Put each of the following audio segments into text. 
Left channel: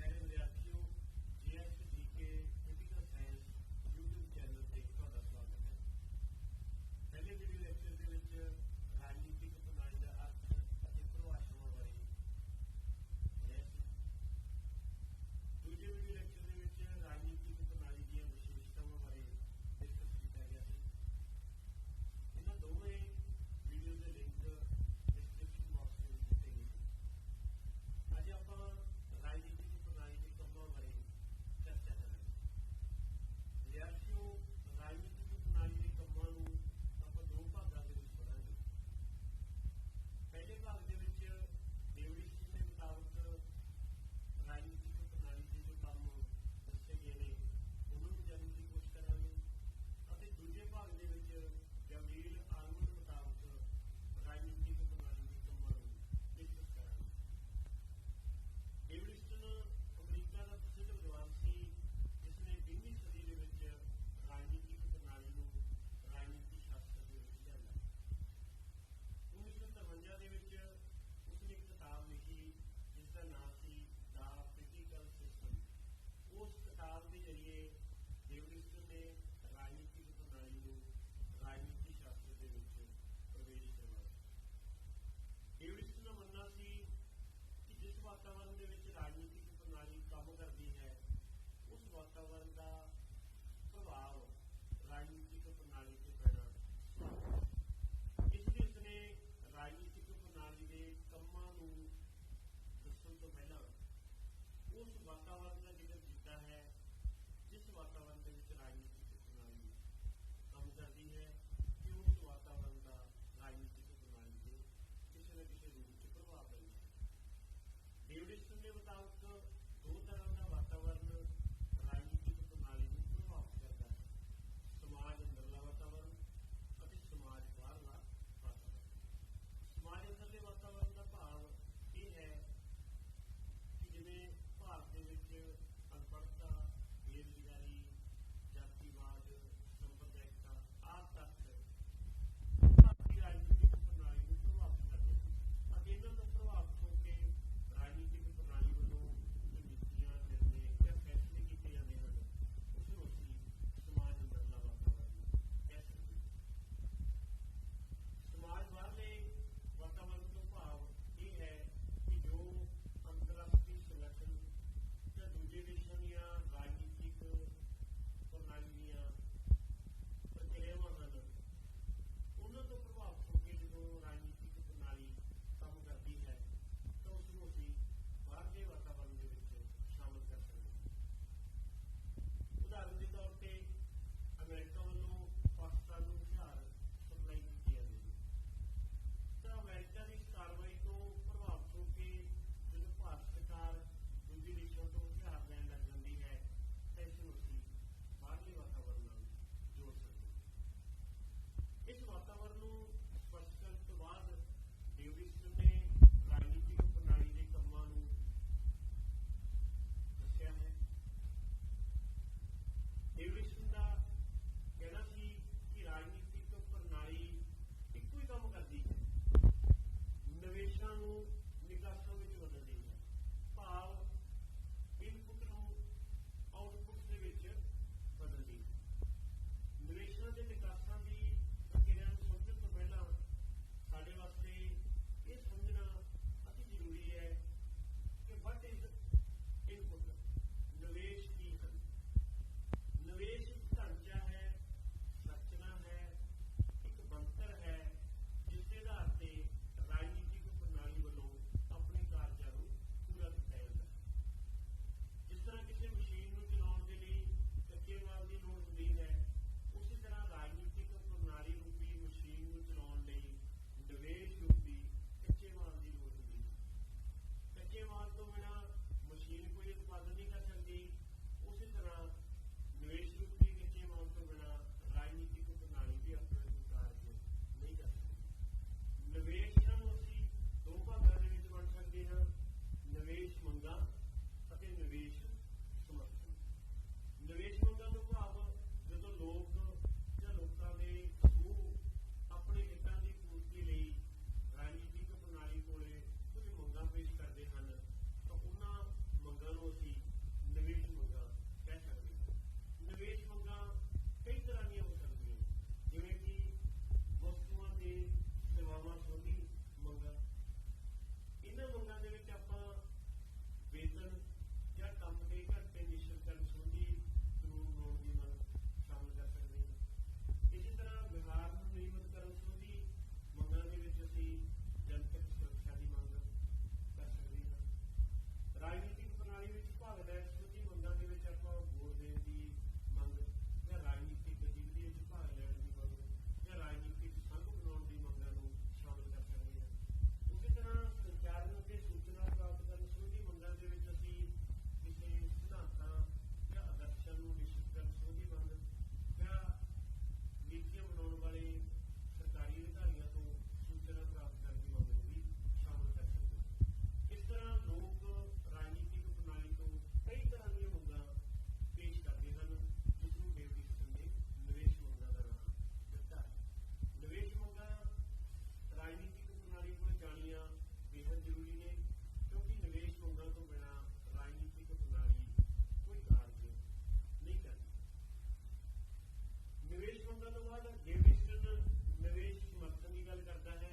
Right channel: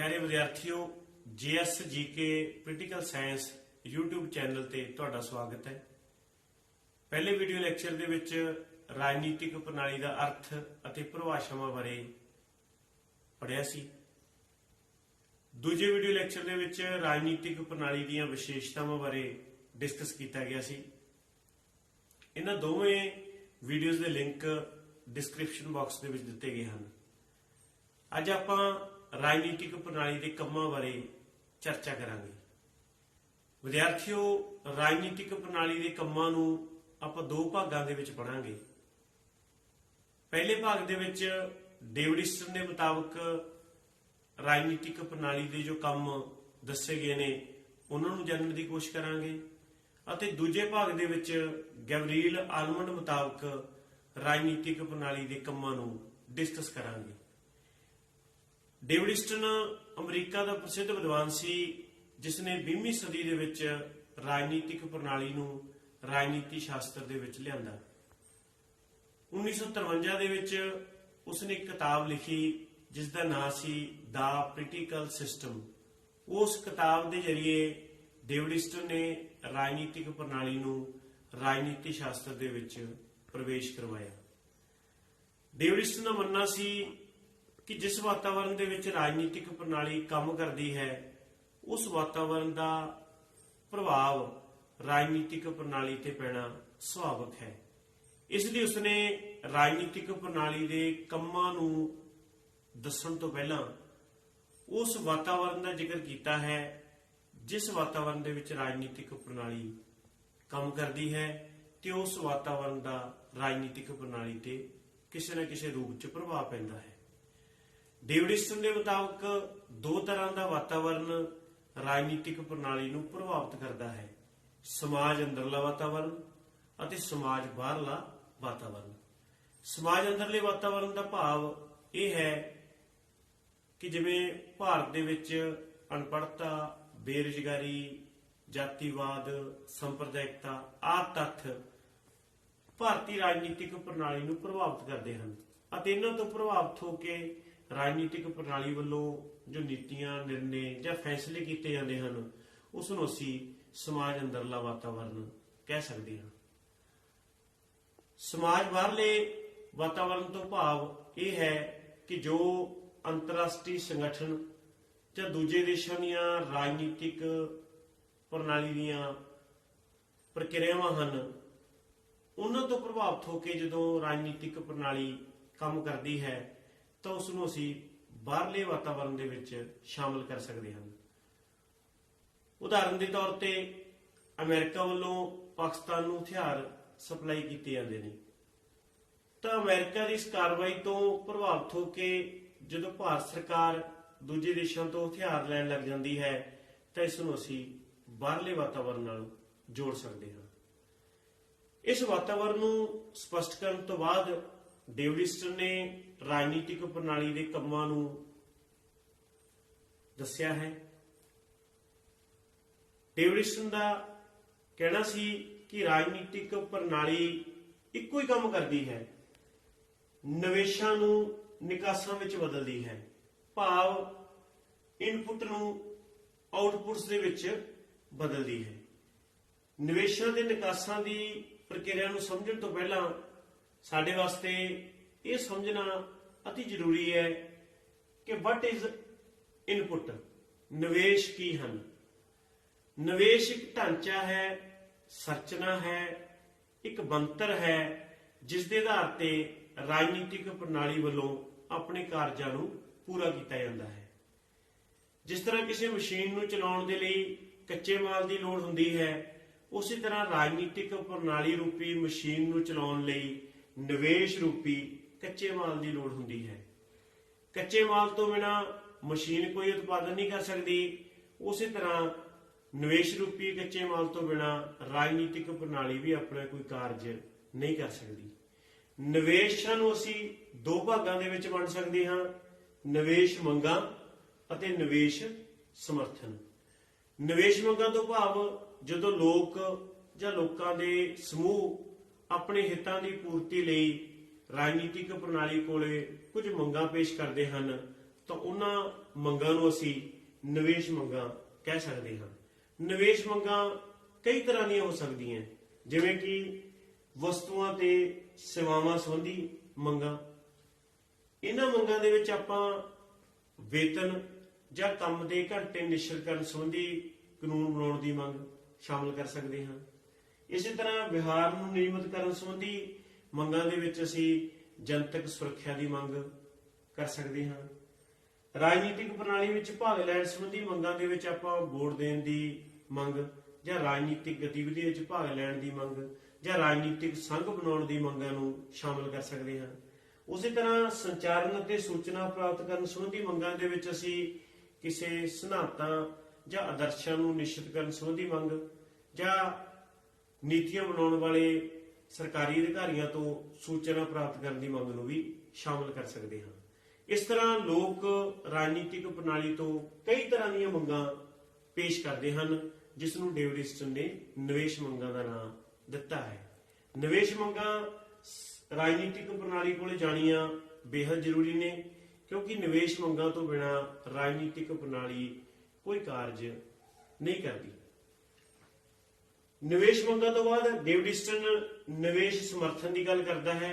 प्यारे विद्यार्थियों, JS GK political science YouTube channel ते तुहाडा स्वागत है। पहले वीडियो लैक्चर दे विच राजनीतिक प्रणाली का अर्थ अते परिभाषावां बारे पढ़िया सी। दूजे वीडियो लैक्चर दे विच राजनीतिक प्रणाली दीयां विशेषतावां बारे डिस्कस किया गया सी। इन्हां दोवें वीडियोज़ दे लिंक डिस्क्रिप्शन बॉक्स दे विच दिते गए हैं। अज आपां राजनीतिक प्रणाली के कामों बारे चर्चा करांगे। विद्यार्थियों, राजनीतिक प्रणाली के कामों नूं आपां दो भागां दे विच पढ़ांगे। पहले भाग दे विच डेविड ईस्टन के मुताबिक राजनीतिक प्रणाली के जो काम दसे गए ने उन्हां नूं जानने की कोशिश करांगे अते दूजे भाग दे विच गैब्रिएल आलमंड मुताबिक राजनीतिक प्रणाली के कामों नूं डिस्कस करांगे। डेविड ईस्टन अमरीका का प्रसिद्ध विद्वान सी जिसने 20वीं सदी दे विच राजनीतिक प्रणाली नूं राजनीति शास्त्र दे विच लिआंदा। 1953 दे विच उसने एक किताब लिखी जिसका नाम सी द पोलिटिकल सिस्टम। उस किताब के जरिए डेविड ईस्टन ने राजनीतिक प्रणाली नूं राजनीति शास्त्र दे विच प्रवेश करवाया। डेविड ईस्टन का मनना सी कि जिस वातावरण दे विच राजनीतिक प्रणाली काम करती है उस वातावरण का प्रभाव राजनीतिक प्रणाली ते पैना सुभाविक है। इसलिए उसने राजनीतिक प्रणाली के कामां नूं दस्सण तो पहला उस वातावरण का जिक्र किया है जिस वातावरण दे विच राजनीतिक प्रणाली काम करती है ते उस वातावरण का राजनीतिक प्रणाली ते किसी न किसी रूप च प्रभाव पैंदा है। डेविड ईस्टन के मुताबिक दो तरह का वातावरण राजनीतिक प्रणाली नूं प्रभावित करता है, समाज अंदरला वातावरण अते समाज बाहरला वातावरण। समाज अंदरले वातावरण का भाव यह है कि जिवें भारत दे विच अनपढ़ता, बेरोजगारी, जातिवाद, संप्रदायिकता आदि तत्थ भारतीय राजनीतिक प्रणाली नूं प्रभावित करते हैं अते इन्हां तों प्रभावित होकर राजनीतिक प्रणाली वालों जो नीतियां, निर्णय या फैसले किए जाते हैं उसनूं असीं समाज अंदरला वातावरण कह सकते हैं। समाज बाहरले वातावरण तो भाव यह है कि जो अंतरराष्ट्रीय संगठन या दूजे देशों दीयां राजनीतिक प्रणाली दीयां प्रक्रियावां हन उन्हां तो प्रभावित होकर जदों राजनीतिक प्रणाली काम करती है तो उसनूं असीं बाहरले वातावरण दे विच शामिल कर सकते हैं। उदाहरण के तौर पर अमेरिका वालों पाकिस्तान नूं हथियार सप्लाई किए जाते हैं तो अमेरिका की इस कार्रवाई तो प्रभावित होकर जदों भारत सरकार दूजे देशों तो हथियार लैण लग जाती है तो इसनूं असीं बाहरले वातावरण नाल जोड़ सकते हैं। इस वातावरण नूं स्पष्ट करन तो बाद डेविड ईस्टन ने राजनीतिक प्रणाली के कामां नूं दस्सिया है। डेविड ईस्टन का कहना सी कि राजनीतिक प्रणाली इक्को ही काम करती है, निवेशां नूं निकासां विच बदलदी है, भाव इनपुट नूं आउटपुट्स दे विच बदलदी है। निवेशां ते निकासां दी प्रक्रिया नूं समझण तो पहला साडे वास्ते ये समझना अति जरूरी है कि वट इज इनपुट, निवेश की हैं। निवेश एक ढांचा है, संरचना है, एक बनतर है जिस दे आधार पर राजनीतिक प्रणाली वालों अपने कार्यां नूं पूरा किया जाता है। जिस तरह किसी मशीन नूं चलाउण दे लई कच्चे माल की लोड़ हुंदी है उसी तरह राजनीतिक प्रणाली रूपी मशीन नूं चलाउण लई निवेश रूपी कच्चे माल की लोड़ हुंदी है। कच्चे माल तो बिना मशीन कोई उत्पादन नहीं कर सकती, उसी तरह निवेश रूपी कच्चे माल तो बिना राजनीतिक प्रणाली भी अपना कोई कार्य नहीं कर सकती। निवेशां नूं असीं दो भागां दे विच वंड सकते हाँ, निवेश मंगां अते निवेश समर्थन। निवेश मंगां तो भाव जदों लोक जां लोकां दे समूह अपने हितां दी पूर्ति लई राजनीतिक प्रणाली कोले कुछ मंगां पेश करते हैं ਤਾਂ ਉਹਨਾਂ ਮੰਗਾਂ ਨੂੰ ਅਸੀਂ ਨਿਵੇਸ਼ ਮੰਗਾਂ ਕਹਿ ਸਕਦੇ ਹਾਂ। ਨਿਵੇਸ਼ ਮੰਗਾਂ ਕਈ ਤਰ੍ਹਾਂ ਦੀਆਂ ਹੋ ਸਕਦੀਆਂ, ਜਿਵੇਂ ਕਿ ਵਸਤੂਆਂ ਤੇ ਸੇਵਾਵਾਂ ਸੰਬੰਧੀ ਮੰਗਾਂ। ਇਹਨਾਂ ਮੰਗਾਂ ਦੇ ਵਿੱਚ ਆਪਾਂ ਵੇਤਨ ਜਾਂ ਕੰਮ ਦੇ ਘੰਟੇ ਨਿਸ਼ਚਿਤ ਕਰਨ ਸੰਬੰਧੀ ਕਾਨੂੰਨ ਬਣਾਉਣ ਦੀ ਮੰਗ ਸ਼ਾਮਲ ਕਰ ਸਕਦੇ ਹਾਂ। ਇਸੇ ਤਰ੍ਹਾਂ ਵਿਹਾਰ ਨੂੰ ਨਿਯਮਿਤ ਕਰਨ ਸੰਬੰਧੀ ਮੰਗਾਂ ਦੇ ਵਿੱਚ ਅਸੀਂ ਜਨਤਕ ਸੁਰੱਖਿਆ ਦੀ ਮੰਗ ਕਰ ਸਕਦੇ ਹਾਂ। ਰਾਜਨੀਤਿਕ ਪ੍ਰਣਾਲੀ ਵਿੱਚ ਭਾਗ ਲੈਣ ਸੰਬੰਧੀ ਮੰਗਾਂ ਦੇ ਵਿੱਚ ਆਪਾਂ ਵੋਟ ਦੇਣ ਦੀ ਮੰਗ ਜਾਂ ਰਾਜਨੀਤਿਕ ਗਤੀਵਿਧੀ ਵਿੱਚ ਭਾਗ ਲੈਣ ਦੀ ਮੰਗ ਜਾਂ ਰਾਜਨੀਤਿਕ ਸੰਘ ਬਣਾਉਣ ਦੀ ਮੰਗਾਂ ਨੂੰ ਸ਼ਾਮਲ ਕਰ ਸਕਦੇ ਹਾਂ। ਉਸੇ ਤਰ੍ਹਾਂ ਸੰਚਾਰਨ ਅਤੇ ਸੂਚਨਾ ਪ੍ਰਾਪਤ ਕਰਨ ਸੰਬੰਧੀ ਮੰਗਾਂ ਦੇ ਵਿੱਚ ਅਸੀਂ ਕਿਸੇ ਸਿਧਾਂਤਾਂ ਜਾਂ ਆਦਰਸ਼ਾਂ ਨੂੰ ਨਿਸ਼ਚਿਤ ਕਰਨ ਸੰਬੰਧੀ ਮੰਗ ਜਾਂ ਨੀਤੀਆਂ ਬਣਾਉਣ ਵਾਲੇ ਸਰਕਾਰੀ ਅਧਿਕਾਰੀਆਂ ਤੋਂ ਸੂਚਨਾ ਪ੍ਰਾਪਤ ਕਰਨ ਦੀ ਮੰਗ ਨੂੰ ਵੀ ਸ਼ਾਮਲ ਕਰ ਸਕਦੇ ਹਾਂ। ਇਸ ਤਰ੍ਹਾਂ ਲੋਕ ਰਾਜਨੀਤਿਕ ਪ੍ਰਣਾਲੀ ਤੋਂ ਕਈ ਤਰ੍ਹਾਂ ਦੀਆਂ ਮੰਗਾਂ ਪੇਸ਼ ਕਰਦੇ ਹਨ, ਜਿਸ ਨੂੰ ਡੇਵਿਡ ਈਸਟਨ ਨੇ ਨਿਵੇਸ਼ ਮੰਗਾਂ ਦਾ ਨਾਮ ਦਿੱਤਾ ਹੈ। ਨਿਵੇਸ਼ ਮੰਗਾਂ ਰਾਜਨੀਤਿਕ ਪ੍ਰਣਾਲੀ ਕੋਲ ਜਾਣੀਆਂ ਬੇहद ਜ਼ਰੂਰੀ ਨੇ, ਕਿਉਂਕਿ ਨਿਵੇਸ਼ ਮੰਗਾਂ ਤੋਂ ਬਿਨਾਂ ਰਾਜਨੀਤਿਕ ਪ੍ਰਣਾਲੀ ਕੋਈ ਕਾਰਜ ਨਹੀਂ ਕਰਦੀ। ਨਿਵੇਸ਼ ਮੰਗਾਂ ਤੋਂ ਬਾਅਦ ਡੇਵਿਡ ਈਸਟਨ ਨਿਵੇਸ਼ ਸਮਰਥਨ ਦੀ ਗੱਲ ਕਰਦਾ ਹੈ।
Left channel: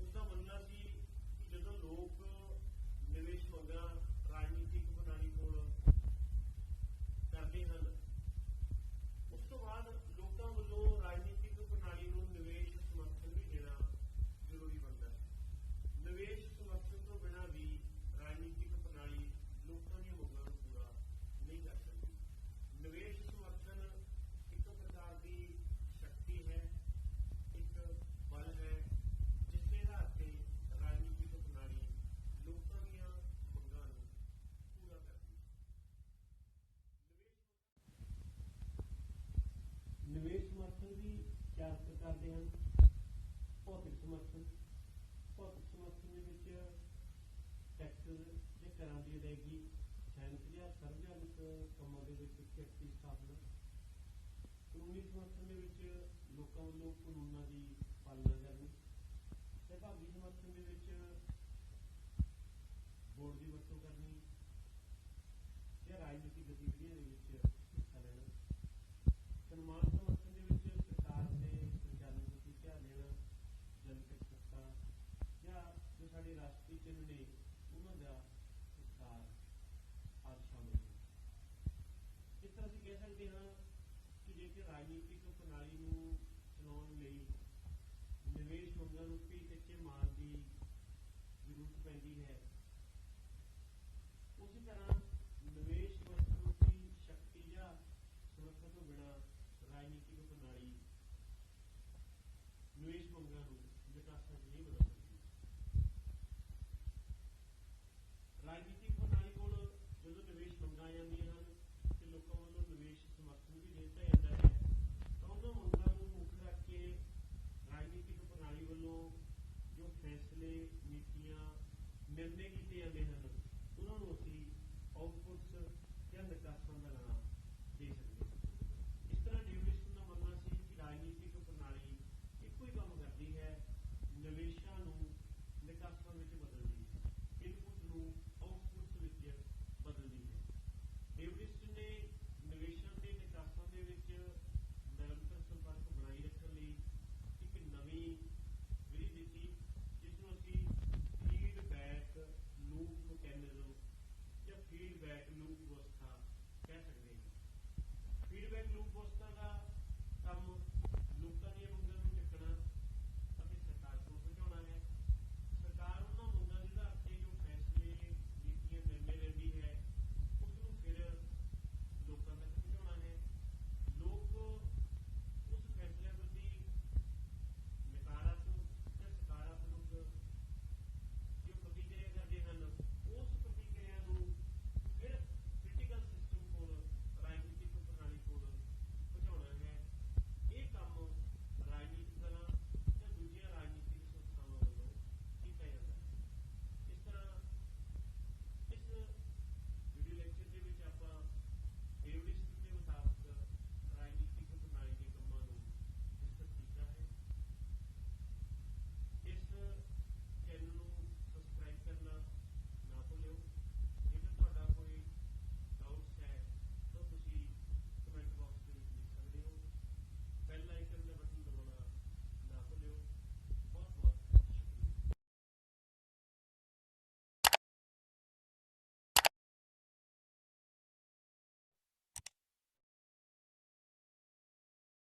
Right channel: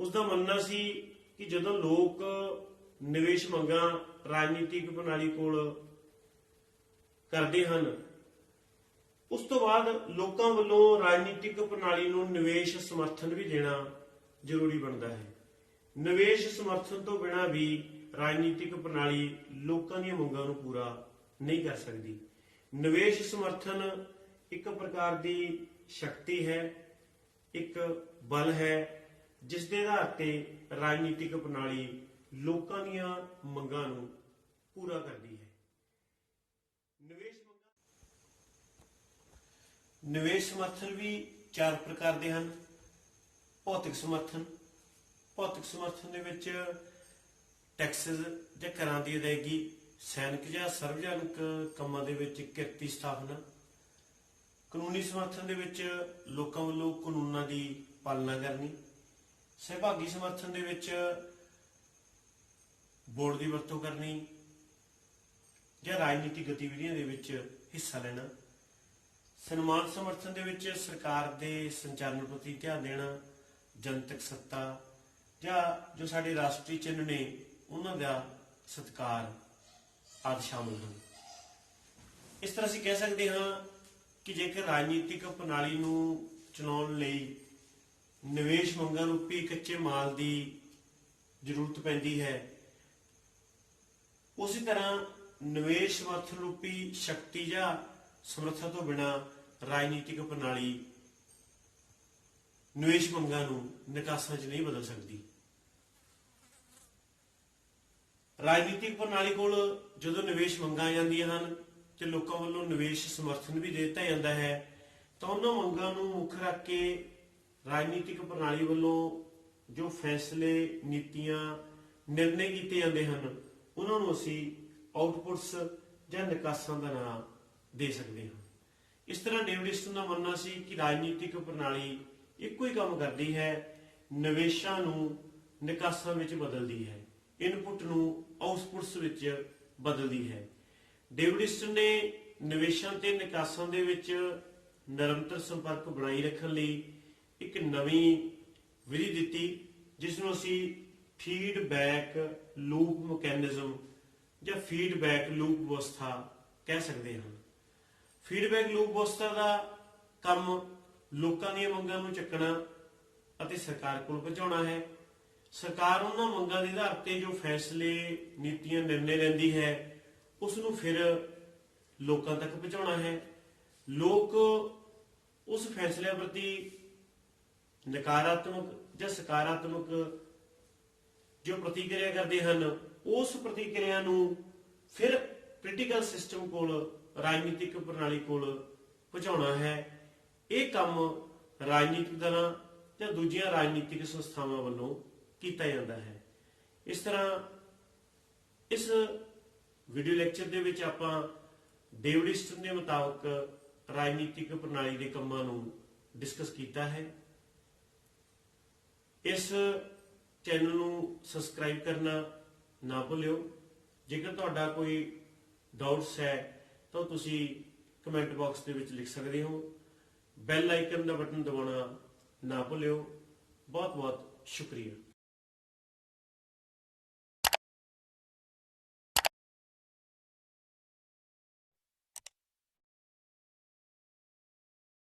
ਉਸ ਦਾ ਮੰਨਣਾ ਸੀ ਕਿ ਜਦੋਂ ਲੋਕ ਨਿਵੇਸ਼ ਮੰਗਾਂ ਰਾਜਨੀਤਿਕ ਪ੍ਰਣਾਲੀ ਕੋਲ ਕਰਦੇ ਹਨ, ਉਸ ਤੋਂ ਬਾਅਦ ਲੋਕਾਂ ਵੱਲੋਂ ਰਾਜਨੀਤਿਕ ਪ੍ਰਣਾਲੀ ਨੂੰ ਨਿਵੇਸ਼ ਸਮਰਥਨ ਵੀ ਦੇਣਾ ਜ਼ਰੂਰੀ ਬਣਦਾ ਹੈ। ਨਿਵੇਸ਼ ਸਮਰਥਨ ਤੋਂ ਬਿਨਾਂ ਵੀ ਰਾਜਨੀਤਿਕ ਪ੍ਰਣਾਲੀ ਲੋਕਾਂ ਦੀਆਂ ਮੰਗਾਂ ਨੂੰ ਪੂਰਾ ਨਹੀਂ ਕਰ ਸਕਦੀ। ਨਿਵੇਸ਼ ਸਮਰਥਨ ਇੱਕ ਪ੍ਰਕਾਰ ਦੀ ਸ਼ਕਤੀ ਹੈ, ਇੱਕ ਬਲ ਹੈ, ਜਿਸ ਦੇ ਆਧਾਰ ਤੇ ਰਾਜਨੀਤਿਕ ਪ੍ਰਣਾਲੀ ਲੋਕਾਂ ਦੀਆਂ ਮੰਗਾਂ ਨੂੰ ਪੂਰਾ ਕਰਦੀ ਹੈ। ਨਿਵੇਸ਼ ਸਮਰਥਨ ਵੀ 4 ਪ੍ਰਕਾਰ ਦੇ ਹਨ। ਭੌਤਿਕ ਸਮਰਥਨ। ਭੌਤਿਕ ਸਮਰਥਨ ਦੇ ਵਿੱਚ ਟੈਕਸਸ ਜਾਂ ਕਰਾਂ ਦੀ ਅਦਾਇਗੀ, ਸੈਨਿਕ ਜਾਂ ਸਰਵਜਨਕ ਕੰਮਾਂ ਦੇ ਵਿੱਚ ਕਿਰਤੀ ਸਥਾਪਨਾ। ਕਾਨੂੰਨੀ ਸਮਰਥਨ ਦੇ ਵਿੱਚ ਲੋਕਾਂ ਵੱਲੋਂ ਕਾਨੂੰਨਾਂ ਦੀ ਪਾਲਣਾ ਕਰਨੀ। ਸਹਿਭਾਗੀ ਸਮਰਥਨ ਦੇ ਵਿੱਚ ਵੋਟ ਦੀ ਵਰਤੋਂ ਕਰਨੀ ਜਾਂ ਰਾਜਨੀਤਿਕ ਗਤੀਵਿਧੀਆਂ ਦੇ ਵਿੱਚ ਹਿੱਸਾ ਲੈਣਾ। ਸਨਮਾਨ ਸਮਰਥਨ ਦੇ ਵਿੱਚ ਸਰਕਾਰ ਦੇ ਸੰਚਾਲਨ ਪ੍ਰਤੀ ਧਿਆਨ ਦੇਣਾ, ਜਨਤਕ ਸੱਤਾ ਜਾਂ ਜੋ ਸਾਡੇ ਰਾਸ਼ਟਰੀ ਚਿੰਨ੍ਹ ਨੇ ਉਹਨਾਂ ਦਾ ਸਤਿਕਾਰ ਆਦਿ ਸ਼ਾਮਲ ਹਨ। ਇਸ ਤਰ੍ਹਾਂ ਅਸੀਂ ਕਹਿ ਸਕਦੇ ਹਾਂ ਕਿ ਜੇਕਰ ਰਾਜਨੀਤਿਕ ਪ੍ਰਣਾਲੀ ਨੂੰ ਚਲਾਉਣ ਲਈ ਨਿਵੇਸ਼ ਮੰਗਾਂ ਰੂਪੀ ਕੱਚੇ ਮਾਲ ਦੀ ਜ਼ਰੂਰਤ ਪੈਂਦੀ ਹੈ, ਉਸੇ ਤਰ੍ਹਾਂ ਨਿਵੇਸ਼ ਸਮਰਥਨ ਰੂਪੀ ਸ਼ਕਤੀ ਜਾਂ ਸਮਰੱਥਾ ਤੋਂ ਬਿਨਾਂ ਰਾਜਨੀਤਿਕ ਪ੍ਰਣਾਲੀ ਨਿਵੇਸ਼ ਮੰਗਾਂ ਨੂੰ ਨਿਕਾਸਾਂ 'ਚ ਨਹੀਂ ਬਦਲ ਸਕਦੀ। ਰਾਜਨੀਤਿਕ ਪ੍ਰਣਾਲੀ ਕੋਲ ਜਦੋਂ ਨਿਵੇਸ਼ ਮੰਗਾਂ ਆ ਜਾਂਦੀਆਂ ਹਨ ਤੇ ਲੋਕਾਂ ਵੱਲੋਂ ਨਿਵੇਸ਼ ਸਮਰਥਨ ਵੀ ਦੇ ਦਿੱਤਾ ਜਾਂਦਾ ਹੈ, ਤਾਂ ਉਹਨਾਂ ਮੰਗਾਂ ਨੂੰ ਮੁੱਖ ਰੱਖ ਕੇ ਰਾਜਨੀਤਿਕ ਪ੍ਰਣਾਲੀ ਵੱਲੋਂ ਜੋ ਫੈਸਲੇ, ਨੀਤੀਆਂ, ਨਿਰਣੇ ਕੀਤੇ ਜਾਂਦੇ ਹਨ, ਉਹਨਾਂ ਨੂੰ ਅਸੀਂ ਆਊਟਪੁੱਟਸ ਜਾਂ ਨਿਕਾਸਾਂ ਦਾ ਨਾਮ ਦੇ ਸਕਦੇ ਹਾਂ। ਇਸ ਤਰ੍ਹਾਂ ਡੇਵਿਡ ਈਸਟਨ ਦਾ ਮੰਨਣਾ ਸੀ ਕਿ ਰਾਜਨੀਤਿਕ ਪ੍ਰਣਾਲੀ ਇੱਕੋ ਹੀ ਕੰਮ ਕਰਦੀ ਹੈ, ਨਿਵੇਸ਼ਾਂ ਨੂੰ ਨਿਕਾਸਾਂ ਵਿੱਚ ਬਦਲਦੀ ਹੈ, ਇਨਪੁੱਟ ਨੂੰ ਆਊਟਪੁੱਟਸ ਵਿੱਚ ਬਦਲਦੀ ਹੈ। ਡੇਵਿਡ ਈਸਟਨ ਨੇ ਨਿਵੇਸ਼ਾਂ ਤੇ ਨਿਕਾਸਾਂ ਦੇ ਵਿੱਚ ਨਿਰੰਤਰ ਸੰਪਰਕ ਬਣਾਈ ਰੱਖਣ ਲਈ ਇੱਕ ਨਵੀਂ ਵਿਧੀ ਦਿੱਤੀ, ਜਿਸ ਨੂੰ ਅਸੀਂ ਫੀਡਬੈਕ ਲੂਪ ਮਕੈਨਿਜ਼ਮ ਜਾਂ ਫੀਡਬੈਕ ਲੂਪ ਵਿਵਸਥਾ ਕਹਿ ਸਕਦੇ ਹਾਂ। ਫੀਡਬੈਕ ਲੂਪ ਵਿਵਸਥਾ ਦਾ ਕੰਮ ਲੋਕਾਂ ਦੀਆਂ ਮੰਗਾਂ ਨੂੰ ਚੱਕਣਾ ਅਤੇ ਸਰਕਾਰ ਕੋਲ ਪਹੁੰਚਾਉਣਾ ਹੈ। ਸਰਕਾਰ ਉਹਨਾਂ ਮੰਗਾਂ ਦੇ ਆਧਾਰ ਤੇ ਜੋ ਫੈਸਲੇ, ਨੀਤੀਆਂ, ਨਿਰਣੇ ਲੈਂਦੀ ਹੈ, ਉਸ ਨੂੰ ਫਿਰ ਲੋਕਾਂ ਤੱਕ ਪਹੁੰਚਾਉਣਾ ਹੈ। ਲੋਕ ਉਸ ਫੈਸਲਿਆਂ ਪ੍ਰਤੀ ਨਕਾਰਾਤਮਕ ਜਾਂ ਸਕਾਰਾਤਮਕ ਜੋ ਪ੍ਰਤੀਕਿਰਿਆ ਕਰਦੇ ਹਨ, ਉਸ ਪ੍ਰਤੀਕਿਰਿਆ ਨੂੰ ਫਿਰ ਪੋਲੀਟੀਕਲ ਸਿਸਟਮ ਕੋਲ, ਰਾਜਨੀਤਿਕ ਪ੍ਰਣਾਲੀ ਕੋਲ ਪਹੁੰਚਾਉਣਾ ਹੈ। ਇਹ ਕੰਮ ਰਾਜਨੀਤਿਕ ਦਲਾਂ ਜਾਂ ਦੂਜੀਆਂ ਰਾਜਨੀਤਿਕ ਸੰਸਥਾਵਾਂ ਵੱਲੋਂ ਕੀਤਾ ਜਾਂਦਾ ਹੈ। ਇਸ ਤਰ੍ਹਾਂ ਇਸ ਵੀਡੀਓ ਲੈਕਚਰ ਦੇ ਵਿੱਚ ਆਪਾਂ ਡੇਵਿਡ ਈਸਟਨ ਦੇ ਮੁਤਾਬਕ ਰਾਜਨੀਤਿਕ ਪ੍ਰਣਾਲੀ ਦੇ ਕੰਮਾਂ ਨੂੰ ਡਿਸਕਸ ਕੀਤਾ ਹੈ। ਇਸ ਚੈਨਲ ਨੂੰ ਸਬਸਕ੍ਰਾਈਬ ਕਰਨਾ ਨਾ ਭੁੱਲਿਓ। ਜੇਕਰ ਤੁਹਾਡਾ ਕੋਈ ਡਾਊਟਸ ਹੈ ਤਾਂ ਤੁਸੀਂ ਕਮੈਂਟ ਬਾਕਸ ਦੇ ਵਿੱਚ ਲਿਖ ਸਕਦੇ ਹੋ। ਬੈਲ ਆਈਕਨ ਦਾ ਬਟਨ ਦਬਾਉਣਾ ਨਾ ਭੁੱਲਿਓ। ਬਹੁਤ ਬਹੁਤ ਸ਼ੁਕਰੀਆ।